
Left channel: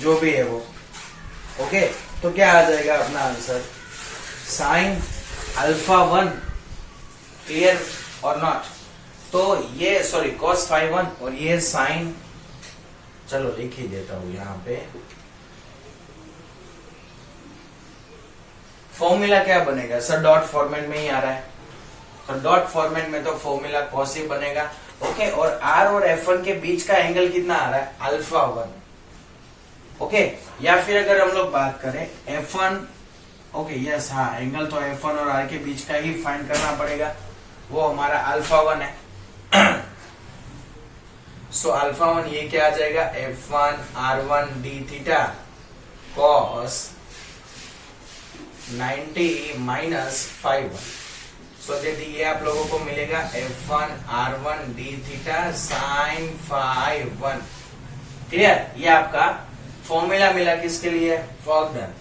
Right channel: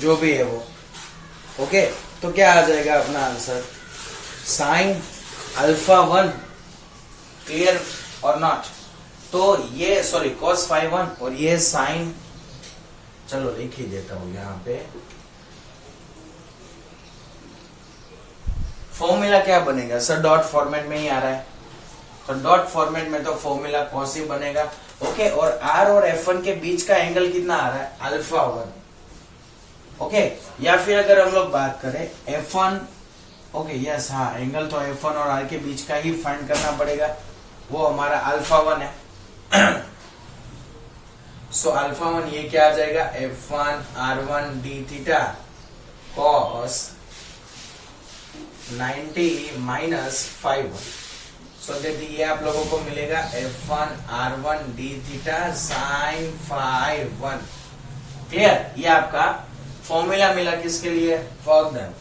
जो भी है वो। ओके तो क्या आ जाएगा अपना आंसर, साइन अल्फा 1, क्लियर और नॉट। तो ये सॉरी कॉस फाई 1 और ये साइन, चलो लिख ही देता हूं यहां पे। फॉर्मूला क्या बनेगा सर, डॉट फॉर्मेट में ही आ रहा है, तो डॉट फॉर्मेट में तो फॉर्मूला कॉस ही बनेगा। ओके, और आर और F1 के बीच का एंगल कितना आ रहा है, अल्फा 1। ओके, या फिर अगर हम लोग बात करें F1, ओके यस हाँ, एंगल तो F1 और R के बीच का ही फाइंड करना पड़ेगा, वो हमारा अल्फा 1 है। सो अल्फा 1 ये क्या आ जाएगा, F1 R1 d theta cos 90 minus phi 1। So देखिए ये आप लोगों को मिलेगा F1 R1 d theta sine phi 1। Clear, ये आपका फॉर्मूला मिला किसके लिए, वर्क डन।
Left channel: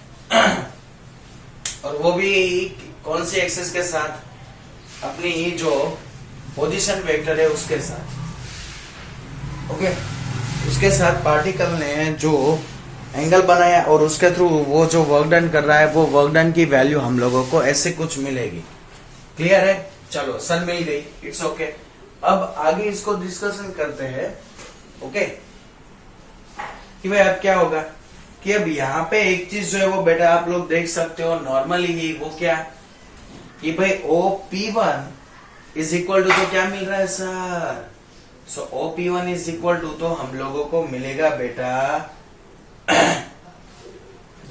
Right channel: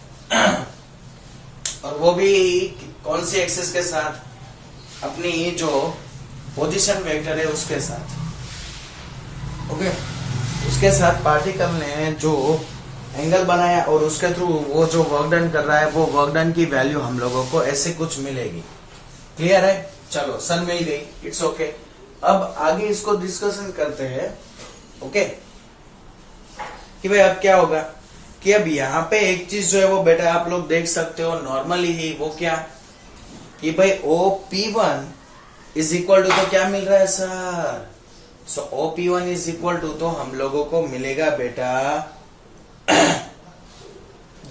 और वो भी कौन सी एक्सिस के साथ, अपनी ही जो पोजीशन वेक्टर है उसके साथ। ओके, उसके साथ पार्टिकल ने जो एंगल बनाया और उसके थ्रू वो जो वर्क डन कर रहा है, वो वर्क डन की वैल्यू हम लोगों को ऐसे कुछ मिलेगी। क्लियर है, चलो सन मिल गई, इट्स ओके। अब आगे इसको डिस्कशन करते हैं। ओके, कि भाई अब क्या होगा कि अब यहाँ पे एक चीज जो है वो बेटा आप लोग देख सकते हो नॉर्मली ही, वो क्या कि भाई OP1 इज इक्वल टू, तो क्या मिल रहा है sir, so OP1 is equal to, तो हम लोगों को मिलेगा बेटा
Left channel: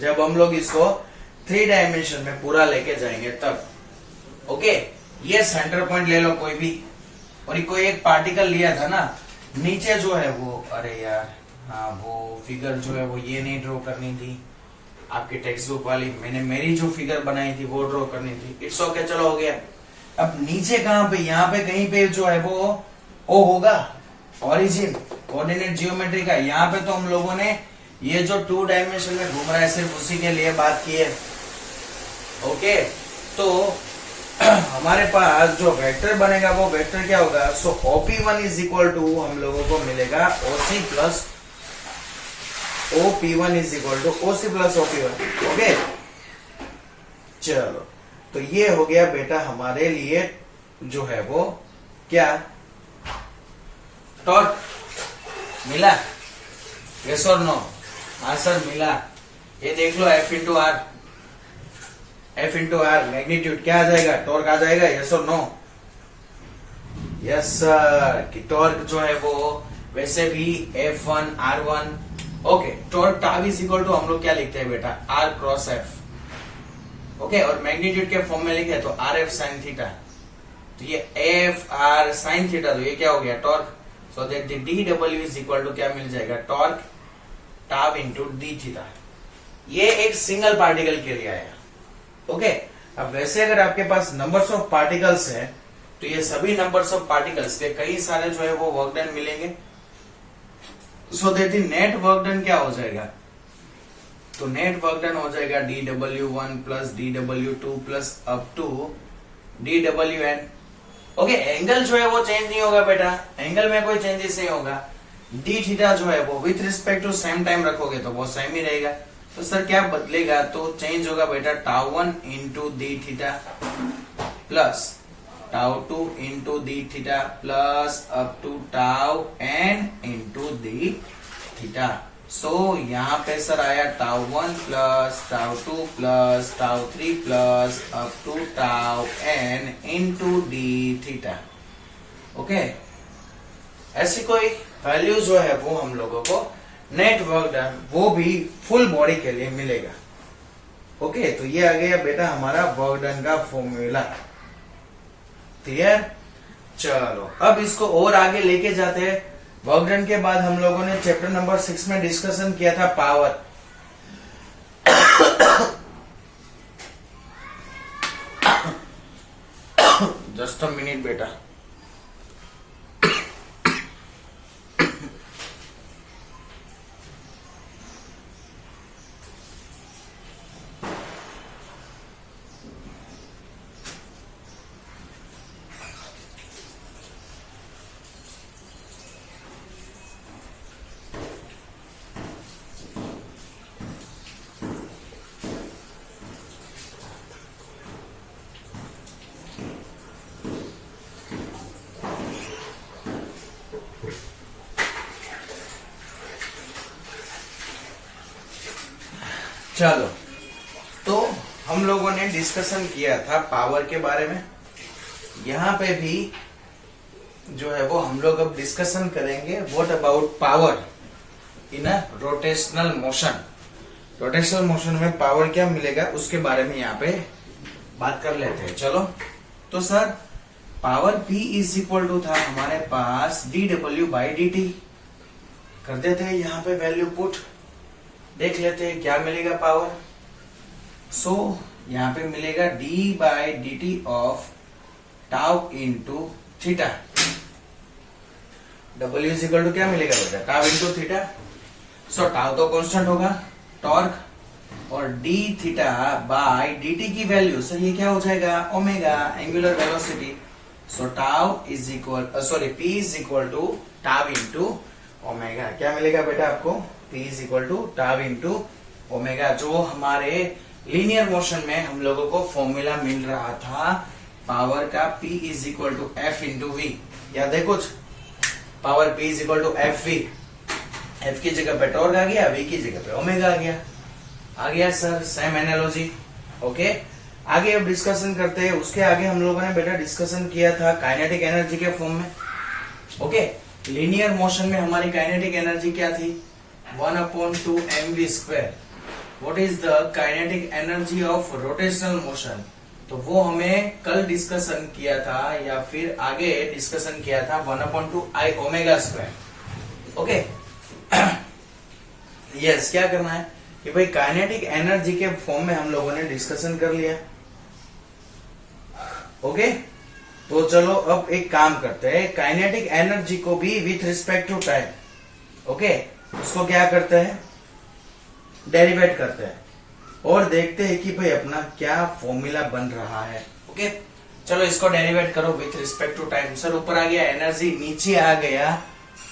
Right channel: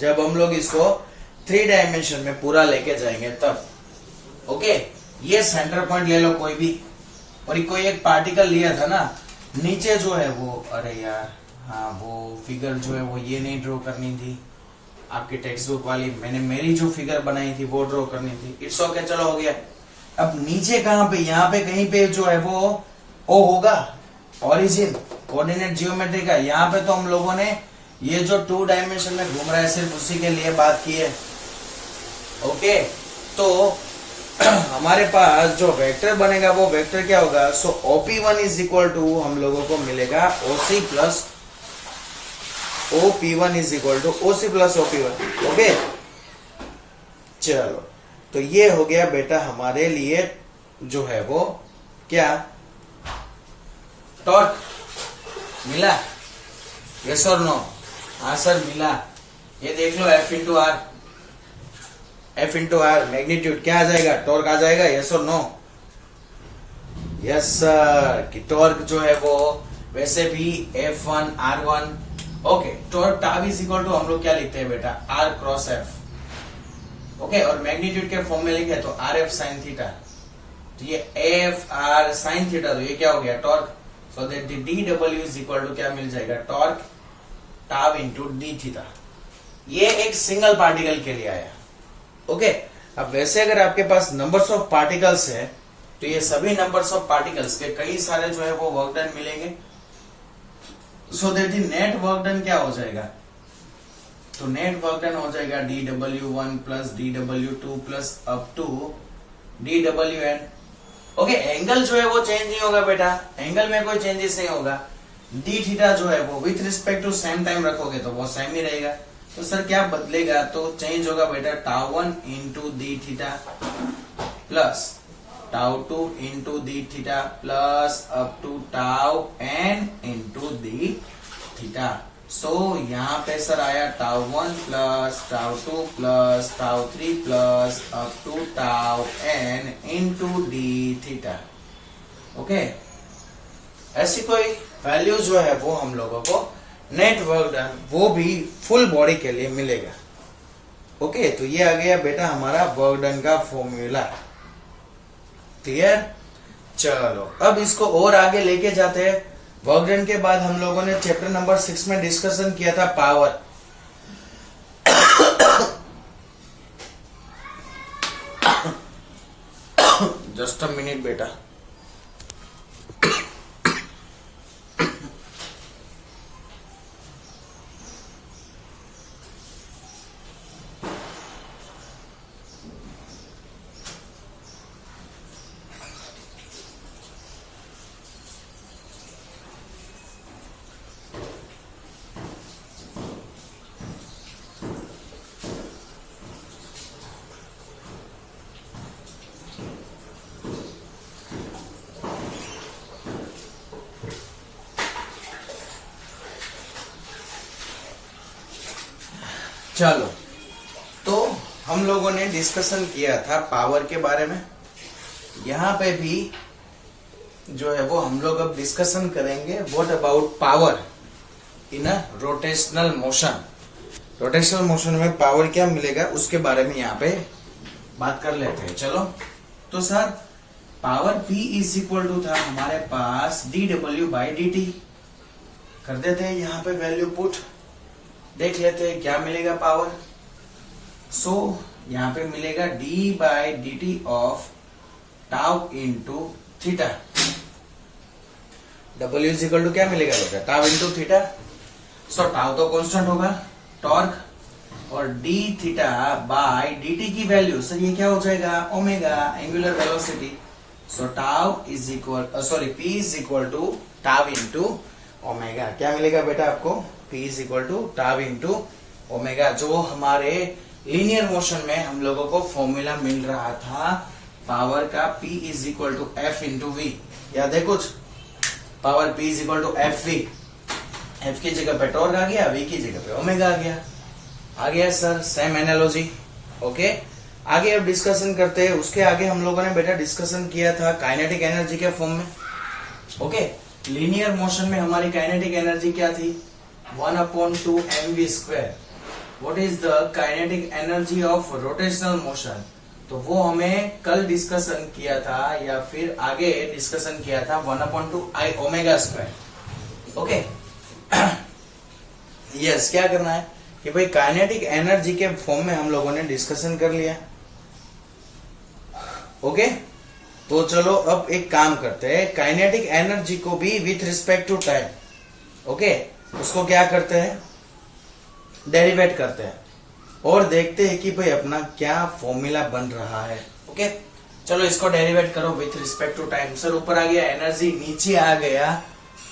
जब हम लोग इसको 3 डायमेंशन में पूरा लेके जाएंगे तब। ओके, ये सेंटर पॉइंट ले लो कोई भी, और ये कोई एक पार्टिकल लिया था ना, नीचे जो है वो, अरे यार हाँ वो फिगर जो है वो ये नहीं ड्रॉ करनी थी आपकी टेक्स्ट बुक वाली, मैंने मेरी जो फिगर बनाई थी वो ड्रॉ करनी थी। इट्स ओके, चलो हो गया। अब नीचे कहां पे, यहाँ पे कहीं पे जो है वो ओ होगा, ओरिजिन कोऑर्डिनेट जियोमेट्री का। यहाँ पे तो हम लोगों ने ये जो 2 डायमेंशन में घूम रहा है सिर्फ उसी के लिए बात की है। ओके, तो हमारे पास जो वेक्टर बनेगा वो वेक्टर क्या होगा, सो OP1 इज इक्वल टू हम लोगों को मिलेगा OC plus OP1 is equal to OC plus OP1। Okay, चलो तो ये हो गया बेटा हमारे लिए जो है वो क्या, टॉर्क मिला, यस और नो, आंसर मिला। ये देख लो F इंटू आर मैग्नीट्यूड क्या आ जाएगा, टॉर्क आ जाएगा, यस और नो, यस सर। कि टॉर्क जो है वो वैसे भी F1 R1, okay, torque tau is equal to हम लोग क्या लिखते हैं बेटा, R क्रॉस F। ओके, और मैग्नीट्यूड के फॉर्म में लिखे तो RF साइन थीटा, तो ये FR साइन थीटा, तो ये क्या हो गया, torque. So that DW is equal to क्या मिल जाएगा, torque tau into D theta. ये एक सिंगल पार्टिकल के लिए आया। ओके, अब वैसे अगर आपके पास नंबर्स ऑफ पार्टिकल्स है तो ये सभी नंबर्स ऑफ पार्टिकल्स पे कई सारे जो है वो वर्क डन मिलेंगे। सो that the net work done क्या हो जाएगा, तो नेट वर्क डन हो जाएगा DW1 plus DW2 plus up to DWN। Okay, angle जो है वो चेंज नहीं होगा बेटा, एंगल में कोई चेंजेस नहीं होगा। डी थीटा जो है वो with respect to same time रखोगे तो वो सेम ही रहेगा। तो सर क्या बदलेगा, तो चेंज होगा बेटा टाउ1 इंटू डी थीटा प्लस टाउ2 into D theta plus up to tau n into D theta. So यहाँ पे सर आया टाउ1 प्लस टाउ2 प्लस टाउ3 plus up to tau n into D theta. Okay, ऐसी कोई वैल्यू जो है वो हम लोगों को नेट वर्क डन वो भी फुल बॉडी के लिए मिलेगा। ओके, तो ये आ गया बेटा हमारा वर्क डन का फॉर्मूला। क्लियर, चलो अब इसको और आगे लेके जाते हैं। वर्क डन के बाद हम लोगों ने चैप्टर नंबर 6 में डिस्कशन किया था पावर। जस्ट अ मिनट बेटा। चलो, तो हम लोगों ने डिस्कशन किया था पावर के बारे में। यहाँ पे भी जो है वो हम लोग अब डिस्कशन करेंगे what about power in a rotational motion. Rotational motion में पावर क्या मिलेगा उसके बारे में यहाँ पे बात कर लेते हैं। चलो, तो sir power P is equal to था हमारे पास dW/dt। कर देते हैं यहाँ पे वैल्यू पुट, देख लेते हैं क्या मिलेगा पावर। सो यहाँ पे मिलेगा d/dt of tau into theta. W is equal to क्या मिलेगा बेटा, tau into theta. So tau तो कांस्टेंट होगा, टॉर्क, और d थीटा बाय dt की वैल्यू सर ये क्या हो जाएगा, omega, angular velocity. So tau is equal P is equal to tau into omega. क्या मिलेगा बेटा आपको, P is equal to tau into omega, जो हमारे लीनियर मोशन में हम लोगों को फॉर्मूला मिल रहा था पावर का, P is equal to F into v. याद है कुछ, power P is equal to F v. F की जगह पे टॉर्क आ गया, V की जगह पे ओमेगा आ गया सर, सेम एनालॉजी। ओके, आगे अब डिस्कशन करते हैं। उसके आगे हम लोगों ने बेटा डिस्कशन किया था काइनेटिक एनर्जी के फॉर्म में। ओके, लीनियर मोशन में हमारी काइनेटिक एनर्जी क्या थी, 1/2 mv²। What is the kinetic energy of rotational motion, तो वो हमें कल डिस्कशन किया था या फिर आगे डिस्कशन किया था 1/2 I ω²। ओके, यस, क्या करना है कि भाई काइनेटिक एनर्जी के फॉर्म में हम लोगों ने डिस्कशन कर लिया। ओके, तो चलो अब एक काम करते हैं, काइनेटिक एनर्जी को भी with respect to time, okay, उसको क्या करते हैं, डेरिवेट करते हैं और देखते हैं कि भाई अपना क्या फॉर्मूला बन रहा है। ओके, चलो इसको डेरिवेट करो with respect to time. Sir ऊपर आ गया एनर्जी, नीचे आ गया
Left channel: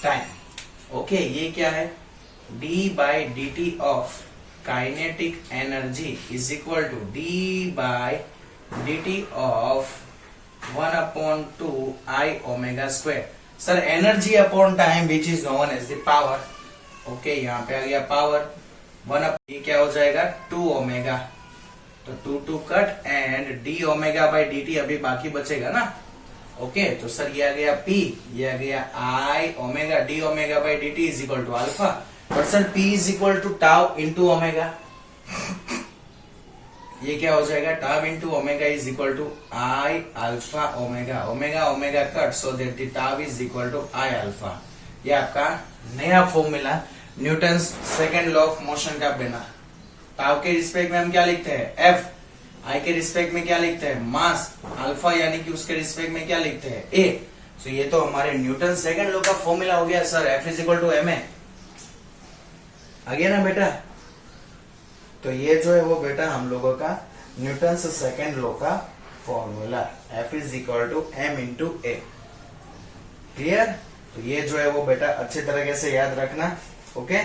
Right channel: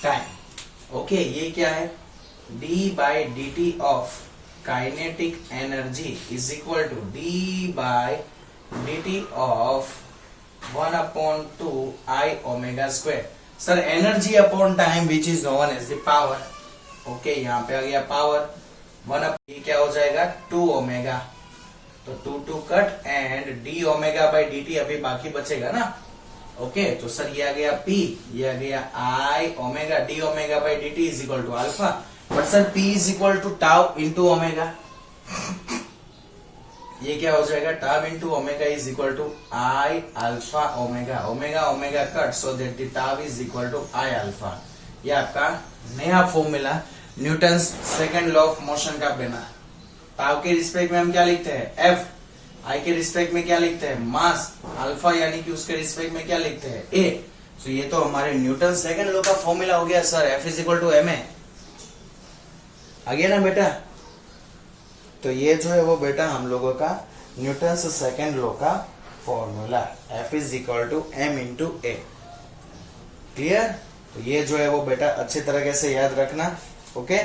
टाइम। ओके, ये क्या है, d/dt of kinetic energy is equal to d/dt of 1/2 I ω²। Sir energy upon time which is known as the power. Okay, यहाँ पे आ गया पावर, 1 क्या हो जाएगा 2 ओमेगा, तो 2 कट एंड d ω/dt अभी बाकी बचेगा ना। ओके, तो सर ये आ गया P, ये आ गया I omega, d ω/dt is equal to alpha. But sir P is equal to tau into omega, ये क्या हो जाएगा, tau into omega is equal to I alpha omega. Omega omega cut, so that the tau is equal to I alpha. ये आपका नया formula Newton's second law of motion का बना। Tau के रिस्पेक्ट में हम क्या लिखते हैं, F। I के रिस्पेक्ट में क्या लिखते हैं, मास। अल्फा यानी कि उसके रिस्पेक्ट में क्या लिखते हैं, A। तो ये तो हमारे न्यूटन सेकंड लॉ का फॉर्मूला हो गया sir, F is equal to ma। आ गया ना बेटा। तो ये जो है वो बेटा हम लोगों का न्यूटन सेकंड लॉ का formula, F is equal to m into A। Clear, तो ये जो है वो बेटा अच्छी तरीके से याद रखना। ओके,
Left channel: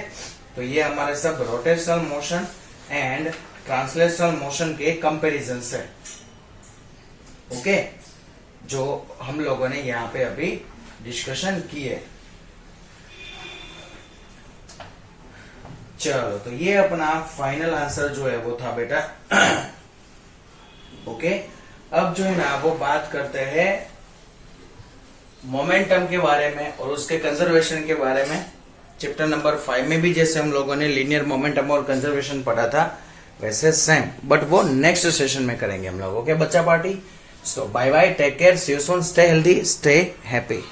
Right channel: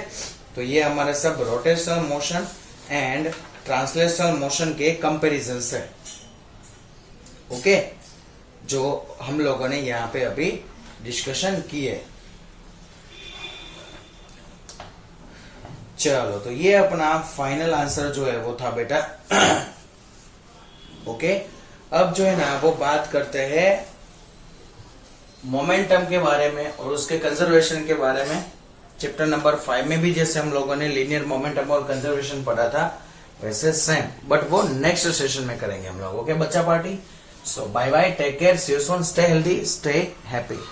तो ये हमारे सब rotational motion and translational motion के कंपैरिजन से, ओके, जो हम लोगों ने यहाँ पे अभी डिस्कशन किए। चलो, तो ये अपना फाइनल आंसर जो है वो था बेटा। ओके, अब जो है ना वो बात करते हैं मोमेंटम के बारे में और उसके कंजर्वेशन के बारे में। चैप्टर नंबर 5 में भी जैसे हम लोगों ने लीनियर मोमेंटम और कंजर्वेशन पढ़ा था वैसे सेम, बट वो नेक्स्ट सेशन में करेंगे हम लोग। ओके बच्चा party, so bye bye, take care, see you soon, stay healthy, stay happy.